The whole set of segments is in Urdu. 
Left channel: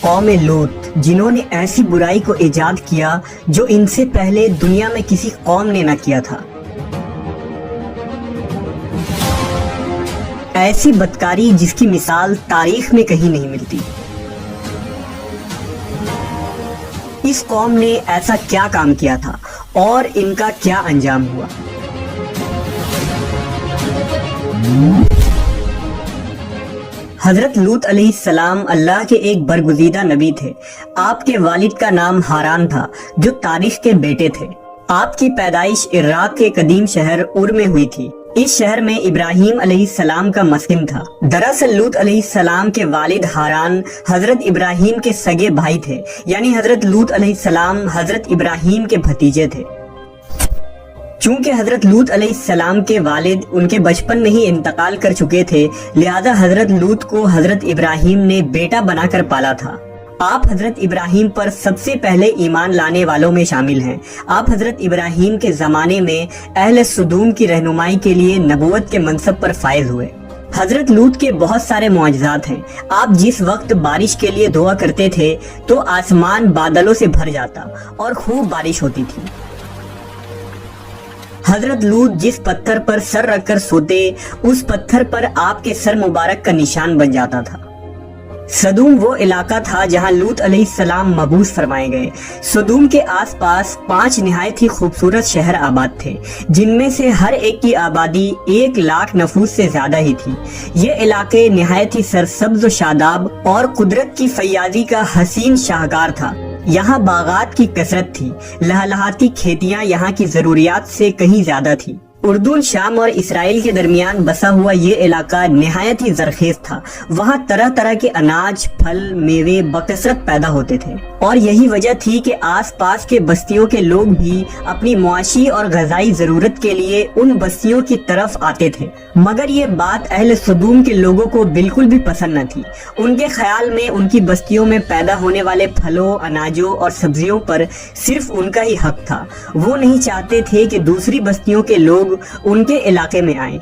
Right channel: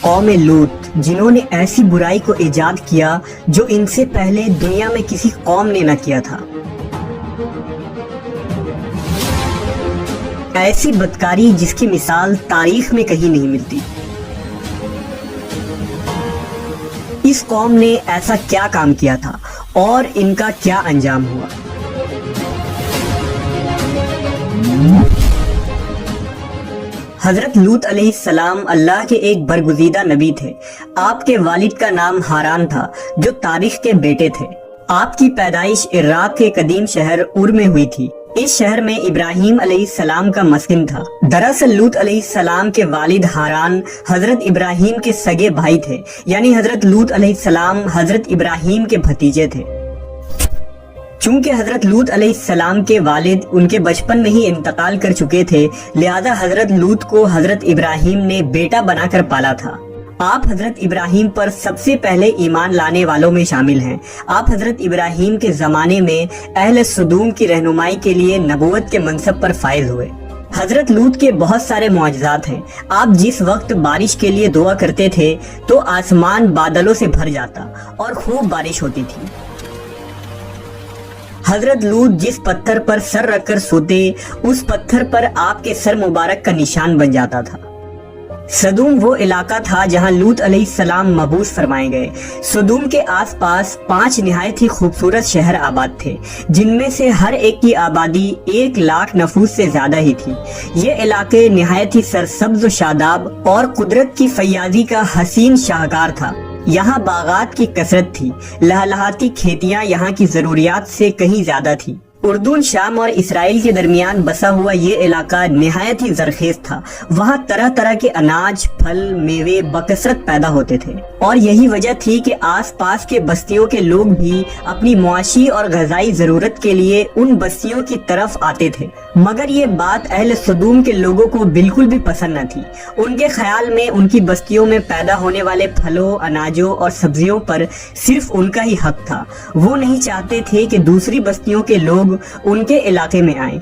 قوم لوط جنہوں نے ایسی برائی کو ایجاد کیا جو ان سے پہلے دنیا میں کسی قوم نے نہ کیا تھا۔ ایسی بدکاری جس کی مثال تاریخ میں کہیں نہیں ملتی۔ اس قوم نے ایسا کیا کام کیا تھا اور ان کا کیا انجام ہوا؟ حضرت لوط علیہ السلام اللہ کے ایک برگزیدہ نبی تھے۔ آپ کے والد کا نام ہاران تھا جو تاریخ کے بیٹے تھے۔ آپ کی پیدائش عراق کے قدیم شہر اور میں ہوئی تھی۔ اس شہر میں ابراہیم علیہ السلام کا مسکن تھا۔ دراصل لوط علیہ السلام کے والد ہاران حضرت ابراہیم کے سگے بھائی تھے، یعنی حضرت لوط علیہ السلام حضرت ابراہیم کے بھتیجے تھے۔ چونکہ حضرت لوط علیہ السلام کے والد ان کے بچپن میں ہی انتقال کر چکے تھے، لہذا حضرت لوط کو حضرت ابراہیم نے بیٹا بنا کر پالا تھا۔ آپ حضرت ابراہیم پر سب سے پہلے ایمان لانے والوں میں شامل ہیں۔ آپ حضرت ابراہیم کے زمانے میں اہل سدوم کی رہنمائی کے لیے نبوت کے منصب پر فائز ہوئے۔ حضرت لوط کے بہت سارے معجزات ہیں۔ آپ جس وقت بارش کے لیے دعا کرتے تھے تو آسمان بادلوں سے بھر جاتا اور خوب بارش ہوتی تھی۔ حضرت لوط جس پتھر پر سر رکھ کر سوتے، اس پتھر پر آپ کے سر مبارک کا نشان بن جاتا تھا۔ سدوم وہ علاقہ تھا جہاں لوط علیہ السلام مبعوث فرمائے گئے۔ سدوم کے آس پاس 5 نہایت ہی خوبصورت شہر آباد تھے، جن میں سے ہر ایک کی آبادی 1,00,000 نفوس سے زیادہ ہی تھی۔ یہ علاقے نہایت ہی سرسبز و شاداب اور قدرت کی فیاضی کا حسین شاہکار تھا۔ یہاں باغات کی کثرت تھی، لہلہاتی کھیتیاں یہاں کی ضروریات سے کہیں زیادہ تھی۔ اردن، شام اور اسرائیل کے درمیان بسا ہوا یہ علاقہ نہایت ہی زرخیز تھا۔ وہاں طرح طرح کے اناج، پھل، میوے بکثرت پیدا ہوتے تھے، اور یہی وجہ تھی کہ آس پاس کے بستیوں کے لوگ بھی اپنی معاشی اور غذائی ضرورت کے لیے ان بستیوں کی طرف آتے تھے۔ مگر یہ بات اہل سدوم کے لوگوں کو بالکل بھی پسند نہ تھی۔ ان کے خیال میں ان کی بستیوں میں پیدا ہونے والے پھلوں، اناجوں اور سبزیوں پر صرف ان کا ہی حق تھا۔ وہ نہیں چاہتے تھے کہ دوسری بستیوں کے لوگ ان کے علاقے میں آئیں۔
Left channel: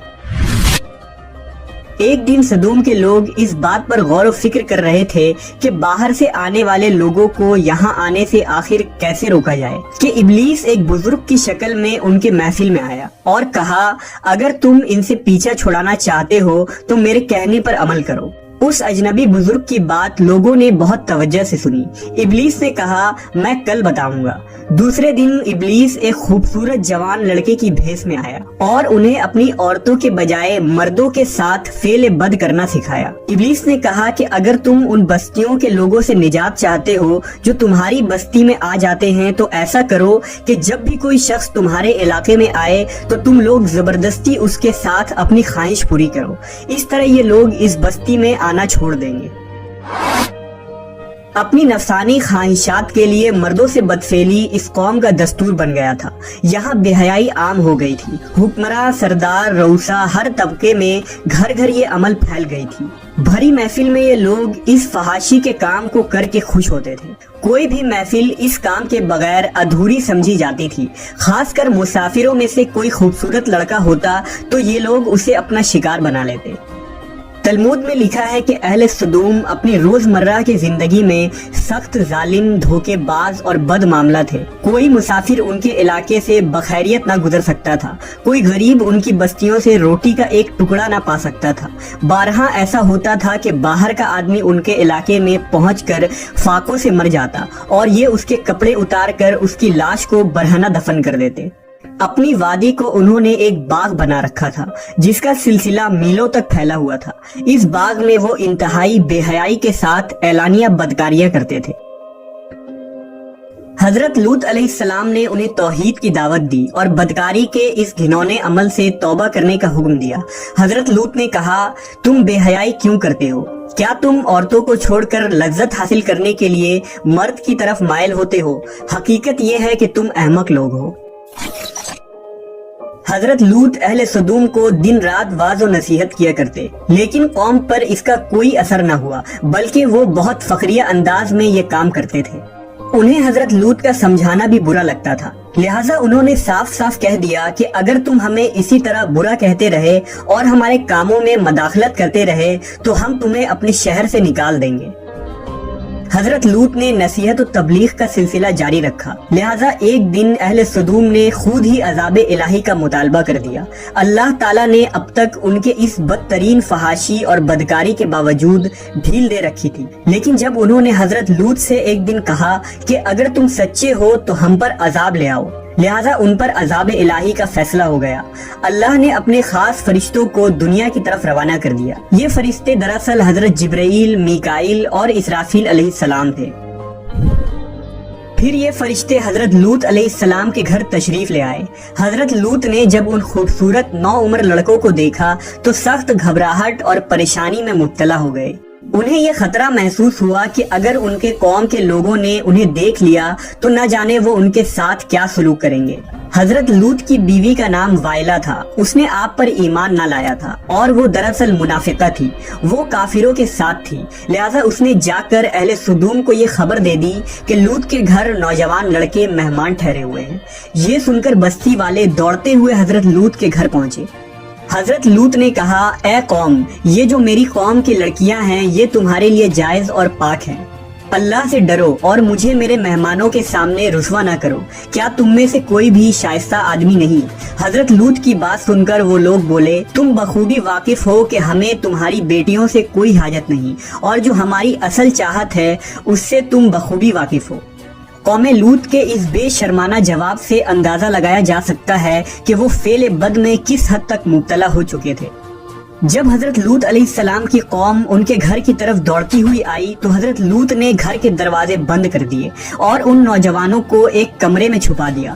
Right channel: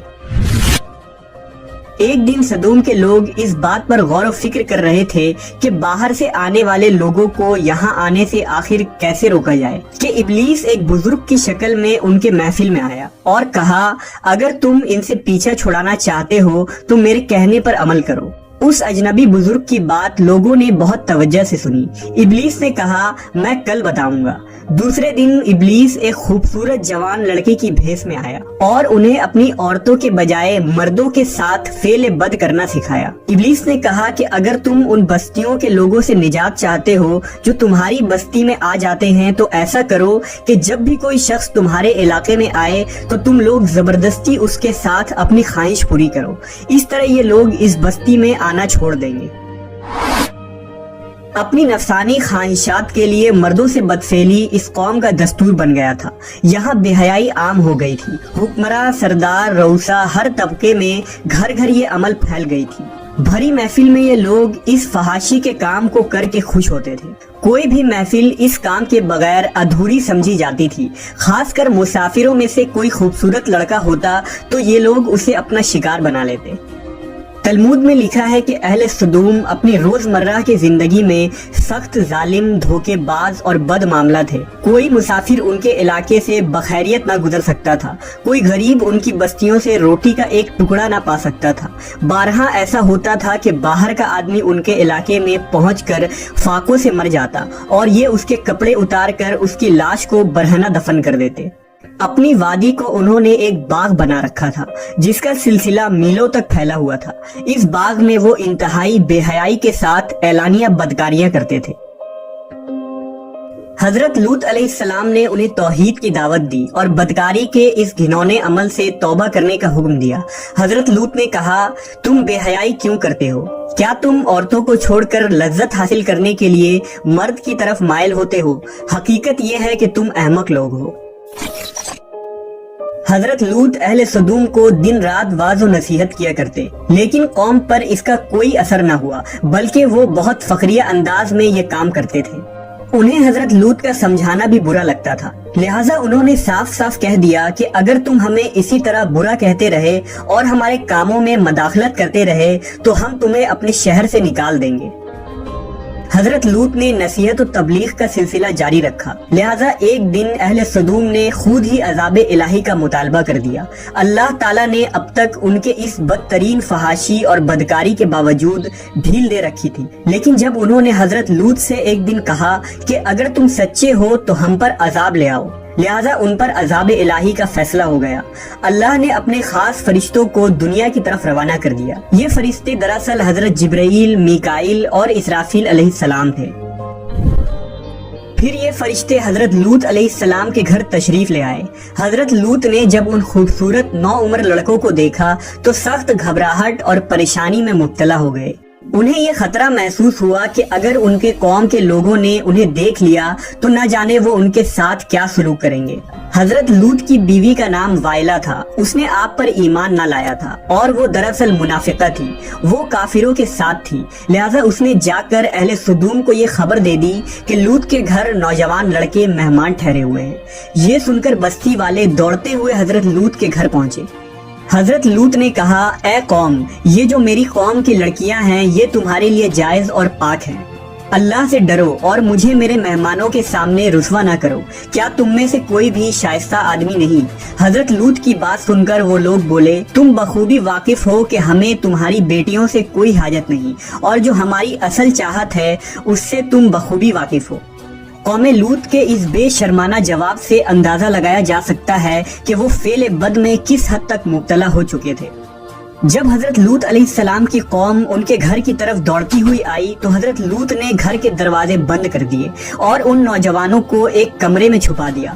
ایک دن سدوم کے لوگ اس بات پر غور و فکر کر رہے تھے کہ باہر سے آنے والے لوگوں کو یہاں آنے سے آخر کیسے روکا جائے، کہ ابلیس ایک بزرگ کی شکل میں ان کے محفل میں آیا اور کہا، اگر تم ان سے پیچھا چھڑانا چاہتے ہو تو میرے کہنے پر عمل کرو۔ اس اجنبی بزرگ کی بات لوگوں نے بہت توجہ سے سنی۔ ابلیس نے کہا، میں کل بتاؤں گا۔ دوسرے دن ابلیس ایک خوبصورت جوان لڑکے کی بھیس میں آیا اور انہیں اپنی عورتوں کے بجائے مردوں کے ساتھ فعل بد کرنا سکھایا۔ ابلیس نے کہا کہ اگر تم ان بستیوں کے لوگوں سے نجات چاہتے ہو جو تمہاری بستی میں آ جاتے ہیں تو ایسا کرو کہ جب بھی کوئی شخص تمہارے علاقے میں آئے تو تم لوگ زبردستی اس کے ساتھ اپنی خواہش پوری کرو۔ اس طرح یہ لوگ اس بستی میں آنا چھوڑ دیں گے۔ اپنی نفسانی خواہشات کے لیے مردوں سے بدفعلی اس قوم کا دستور بن گیا تھا۔ یہاں بے حیائی عام ہو گئی تھی۔ حکمراں، سردار، رؤسا، ہر طبقے میں گھر گھر یہ عمل پھیل گئی تھی۔ بھری محفل میں یہ لوگ اس فحاشی کے کام کو کر کے خوش ہوتے تھے۔ کوئی بھی محفل اس کام کے بغیر ادھوری سمجھی جاتی تھی۔ خاص کر مسافروں میں سے کوئی خوبصورت لڑکا ہوتا تو یہ لوگ اسے اپنا شکار بنا لیتے۔ تلمود میں لکھا ہے کہ اہل سدوم اپنی روزمرہ کی زندگی میں سخت ظالم، دھوکے باز اور بد معاملہ تھے۔ کوئی مسافر ان کے علاقے سے بخیریت نہ گزر سکتا تھا۔ کوئی غریب ان کی بستیوں سے روٹی کا ایک ٹکڑا نہ پا سکتا تھا۔ بارہا ایسا ہوتا تھا کہ باہر کا آدمی ان کے علاقے میں پہنچ کر فاقوں سے مر جاتا اور یہ اس کے کپڑے اتار کر اس کی لاش کو برہنہ دفن کر دیتے۔ اپنی وادی کو انہوں نے ایک باغ بنا رکھا تھا جس کا سلسلہ میلوں تک پھیلا ہوا تھا۔ اس باغ میں وہ انتہائی بے حیائی کے ساتھ اعلانیہ بدکاریاں کرتے تھے۔ حضرت لوط علیہ السلام نے انہیں توحید کی دعوت دی اور بدکاری کے اس گھنونے عمل سے توبہ کرنے کا حکم دیا۔ حضرت لوط نے کہا، تم بے حیائی کیوں کرتے ہو؟ کیا تم عورتوں کو چھوڑ کر لذت حاصل کرنے کے لیے مرد کی طرف مائل ہوتے ہو؟ حقیقت یہ ہے کہ تم احمق لوگ ہو۔ حضرت لوط اہل سدوم کو دن رات واعظ و نصیحت کیا کرتے، لیکن قوم پر اس کا کوئی اثر نہ ہوا، بلکہ وہ بہت فخریہ انداز میں یہ کام کرتے تھے۔ انہیں حضرت لوط کا سمجھانا بھی برا لگتا تھا، لہٰذا انہوں نے صاف صاف کہہ دیا کہ اگر تم ہمیں اسی طرح برا کہتے رہے اور ہمارے کاموں میں مداخلت کرتے رہے تو ہم تمہیں اپنے شہر سے نکال دیں گے۔ حضرت لوط نے نصیحت و تبلیغ کا سلسلہ جاری رکھا، لہٰذا ایک دن اہل سدوم نے خود ہی عذاب الہی کا مطالبہ کر دیا۔ اللہ تعالیٰ نے اب تک ان کے اس بدترین فحاشی اور بدکاری کے باوجود ڈھیل دے رکھی تھی، لیکن جب انہوں نے حضرت لوط سے ایک دن کہا کہ اگر تم سچے ہو تو ہم پر عذاب لے آؤ، لہٰذا ان پر عذاب الہی کا فیصلہ ہو گیا۔ اللہ نے اپنے خاص فرشتوں کو دنیا کی طرف روانہ کر دیا۔ یہ فرشتے دراصل حضرت جبرائیل، میکائیل اور اسرافیل علیہ السلام تھے۔ پھر یہ فرشتے حضرت لوط علیہ السلام کے گھر تشریف لے آئے۔ حضرت لوط نے جب ان خوبصورت نوعمر لڑکوں کو دیکھا تو سخت گھبراہٹ اور پریشانی میں مبتلا ہو گئے۔ انہیں یہ خطرہ محسوس ہوا کہ اگر ان کے قوم کے لوگوں نے انہیں دیکھ لیا تو نہ جانے وہ ان کے ساتھ کیا سلوک کریں گے۔ حضرت لوط کی بیوی کا نام وائلہ تھا، اس نے آپ پر ایمان نہ لایا تھا اور وہ دراصل منافقہ تھی، وہ کافروں کے ساتھ تھی، لہٰذا اس نے جا کر اہل سدوم کو یہ خبر دے دی کہ لوط کے گھر نوجوان لڑکے مہمان ٹھہرے ہوئے ہیں۔ یہ سن کر بستی والے دوڑتے ہوئے حضرت لوط کے گھر پہنچے۔ حضرت لوط نے کہا، اے قوم، یہ جو میری قوم کی لڑکیاں ہیں یہ تمہارے لیے جائز اور پاک ہیں، اللہ سے ڈرو اور مجھے میرے مہمانوں کے سامنے رسوا نہ کرو، کیا تم میں سے کوئی بھی شائستہ آدمی نہیں؟ حضرت لوط کی بات سن کر وہ لوگ بولے، تم بخوبی واقف ہو کہ ہمیں تمہاری بیٹیوں سے کوئی حاجت نہیں، اور جو ہماری اصل چاہت ہے اس سے تم بخوبی واقف ہو۔ قوم لوط کے اس بے شرمانہ جواب سے اندازہ لگایا جا سکتا ہے کہ وہ فعل بد میں کس حد تک مبتلا ہو چکے تھے۔ جب حضرت لوط علیہ السلام کی قوم ان کے گھر کی طرف دوڑتی ہوئی آئی تو حضرت لوط نے گھر کے دروازے بند کر دیے اور ان نوجوانوں کو ایک کمرے میں چھپا دیا۔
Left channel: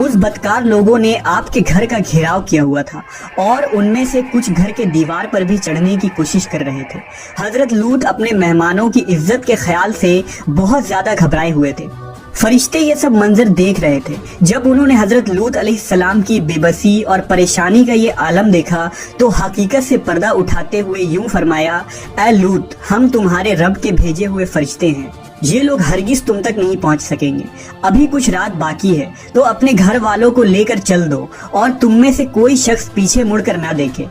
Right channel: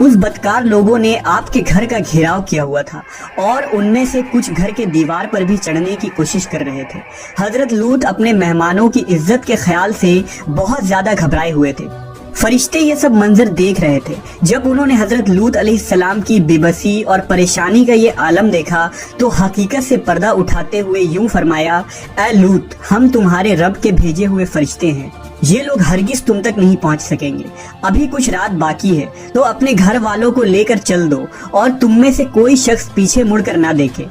اس بدکار لوگوں نے آپ کے گھر کا گھیراؤ کیا ہوا تھا اور ان میں سے کچھ گھر کے دیوار پر بھی چڑھنے کی کوشش کر رہے تھے۔ حضرت لوط اپنے مہمانوں کی عزت کے خیال سے بہت زیادہ گھبرائے ہوئے تھے۔ فرشتے یہ سب منظر دیکھ رہے تھے۔ جب انہوں نے حضرت لوط علیہ السلام کی بے بسی اور پریشانی کا یہ عالم دیکھا تو حقیقت سے پردہ اٹھاتے ہوئے یوں فرمایا، اے لوط، ہم تمہارے رب کے بھیجے ہوئے فرشتے ہیں، یہ لوگ ہرگز تم تک نہیں پہنچ سکیں گے، ابھی کچھ رات باقی ہے تو اپنے گھر والوں کو لے کر چل دو اور تم میں سے کوئی شخص پیچھے مڑ کر نہ دیکھے۔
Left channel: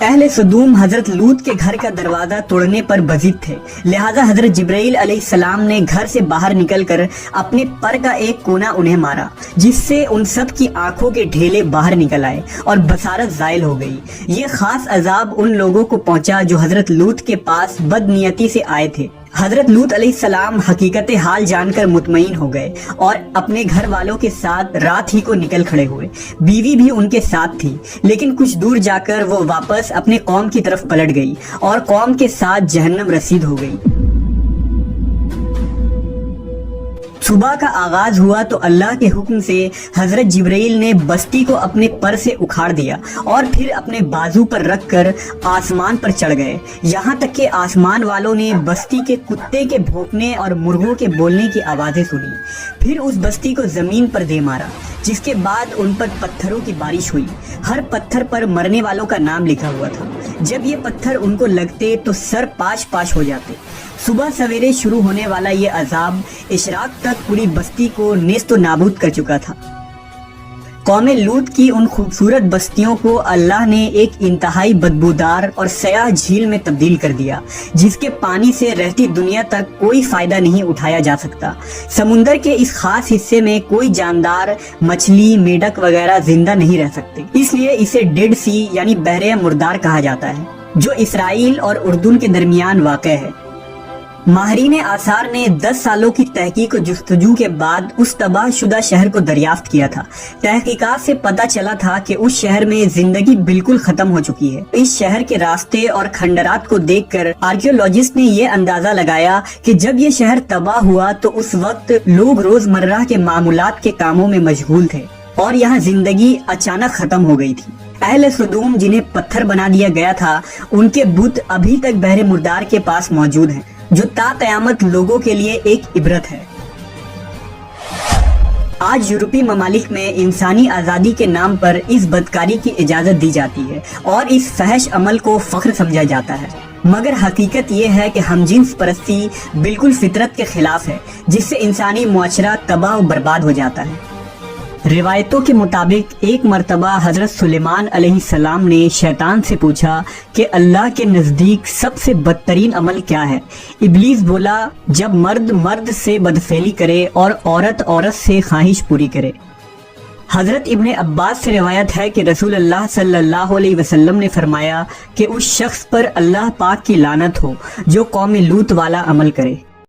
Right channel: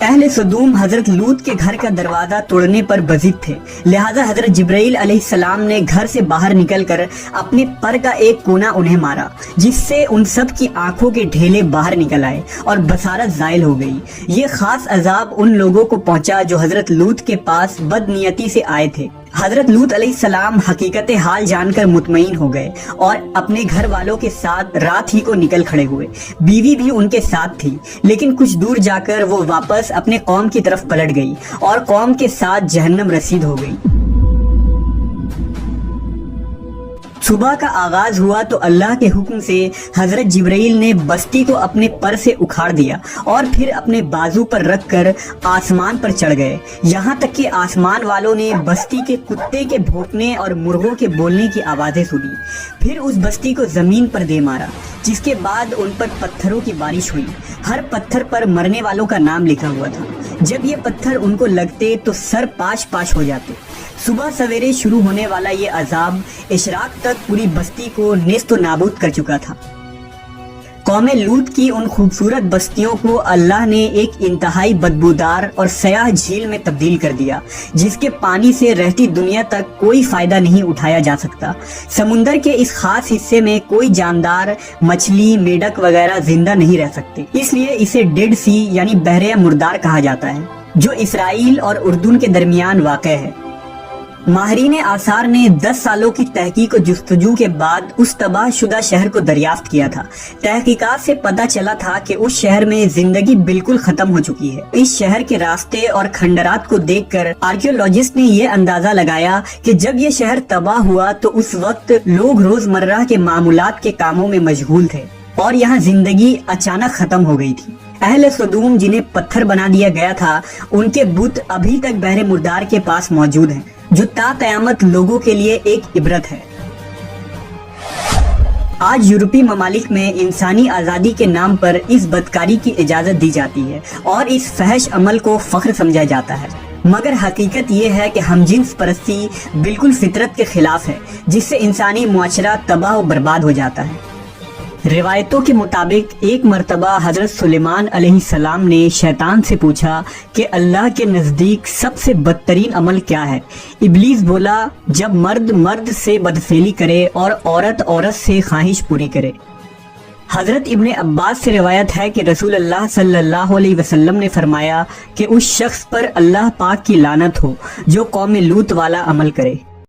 اہل سدوم حضرت لوط کے گھر کا دروازہ توڑنے پر بضد تھے، لہٰذا حضرت جبرائیل علیہ السلام نے گھر سے باہر نکل کر اپنے پر کا ایک کونا انہیں مارا، جس سے ان سب کی آنکھوں کے ڈھیلے باہر نکل آئے اور بصارت زائل ہو گئی۔ یہ خاص عذاب ان لوگوں کو پہنچا جو حضرت لوط کے پاس بد نیتی سے آئے تھے۔ حضرت لوط علیہ السلام حقیقت حال جان کر مطمئن ہو گئے اور اپنے گھر والوں کے ساتھ رات ہی کو نکل کھڑے ہوئے۔ بیوی بھی ان کے ساتھ تھی، لیکن کچھ دور جا کر وہ واپس اپنے قوم کی طرف پلٹ گئی اور قوم کے ساتھ جہنم رسید ہو گئی۔ صبح کا آغاز ہوا تو اللہ کے حکم سے حضرت جبرائیل نے بستی کو اپنے پر سے اکھاڑ دیا اور پھر اپنے بازو پر رکھ کر آسمان پر چڑھ گئے، یہاں تک کہ آسمان والوں نے بستی کے کتے کے بھونکنے اور مرغوں کے بولنے کی آوازیں سنی۔ پھر اس بستی کو زمین پر دے مارا، جس کے بعد ان پر پتھروں کی بارش ہوئی۔ ہر پتھر پر مرنے والوں کا نام لکھا ہوا تھا۔ جب یہ پتھر ان کو لگتے تو سر پاش پاش ہو جاتے۔ صبح سویرے شروع ہونے والا یہ عذاب اشراق تک پوری بستی کو نیست و نابود کر چکا تھا۔ قوم لوط کی ان خوبصورت بستیوں کو اللہ نے ایک انتہائی بدبودار اور سیاہ جھیل میں تبدیل کر دیا، جس کے پانی سے رہتی دنیا تک کوئی فائدہ نہیں اٹھایا جا سکتا۔ سمندر کے اس خاص حصے میں کوئی جاندار، مچھلی، میڈک وغیرہ زندہ نہیں رہ سکتے، اس لیے اسے ڈیڈ سی یعنی بحر مردار کہا جاتا ہے، جو اسرائیل اور اردن کے درمیان واقع ہے۔ ماہرین آثار نے 10 سالوں کی تحقیق و جستجو کے بعد اس تباہ شدہ شہر کو دریافت کیا تھا۔ تحقیقات سے پتہ چلا تھا کہ اس شہر میں زندگی بالکل ختم ہو چکی ہے۔ اس شہر کے راستے اور کھنڈرات کو دیکھ کر آرکیولوجسٹ نے یہ اندازہ لگایا کہ جب یہ شہر تباہ ہوا تو اس وقت لوگ روزمرہ کے معمولات کے کاموں میں مشغول تھے اور یہاں زندگی اچانک ختم ہو گئی تھی۔ اہل سدوم جنہیں پتھر بنا دیا گیا تھا، ان کے بت ابھی تک بحر مردار کے پاس موجود ہیں، جو تا قیامت لوگوں کے لیے ایک عبرت ہے۔ آج یورپی ممالک میں انسانی آزادی کے نام پر اس بدکاری کی اجازت دی جاتی ہے اور اس فحش عمل کو فخر سمجھا جاتا ہے، مگر حقیقت یہ ہے کہ ہم جنس پرستی بالکل فطرت کے خلاف ہے، جس سے انسانی معاشرہ تباہ و برباد ہو جاتا ہے۔ روایتوں کے مطابق ایک مرتبہ حضرت سلیمان علیہ السلام نے شیطان سے پوچھا کہ اللہ کے نزدیک سب سے بدترین عمل کیا ہے؟ ابلیس بولا، جب مرد مرد سے بدفعلی کرے اور عورت عورت سے خواہش پوری کرے۔ حضرت ابن عباس سے روایت ہے کہ رسول اللہ صلی اللہ علیہ وسلم نے فرمایا کہ اس شخص پر اللہ پاک کی لعنت ہو جو قوم لوط والا عمل کرے۔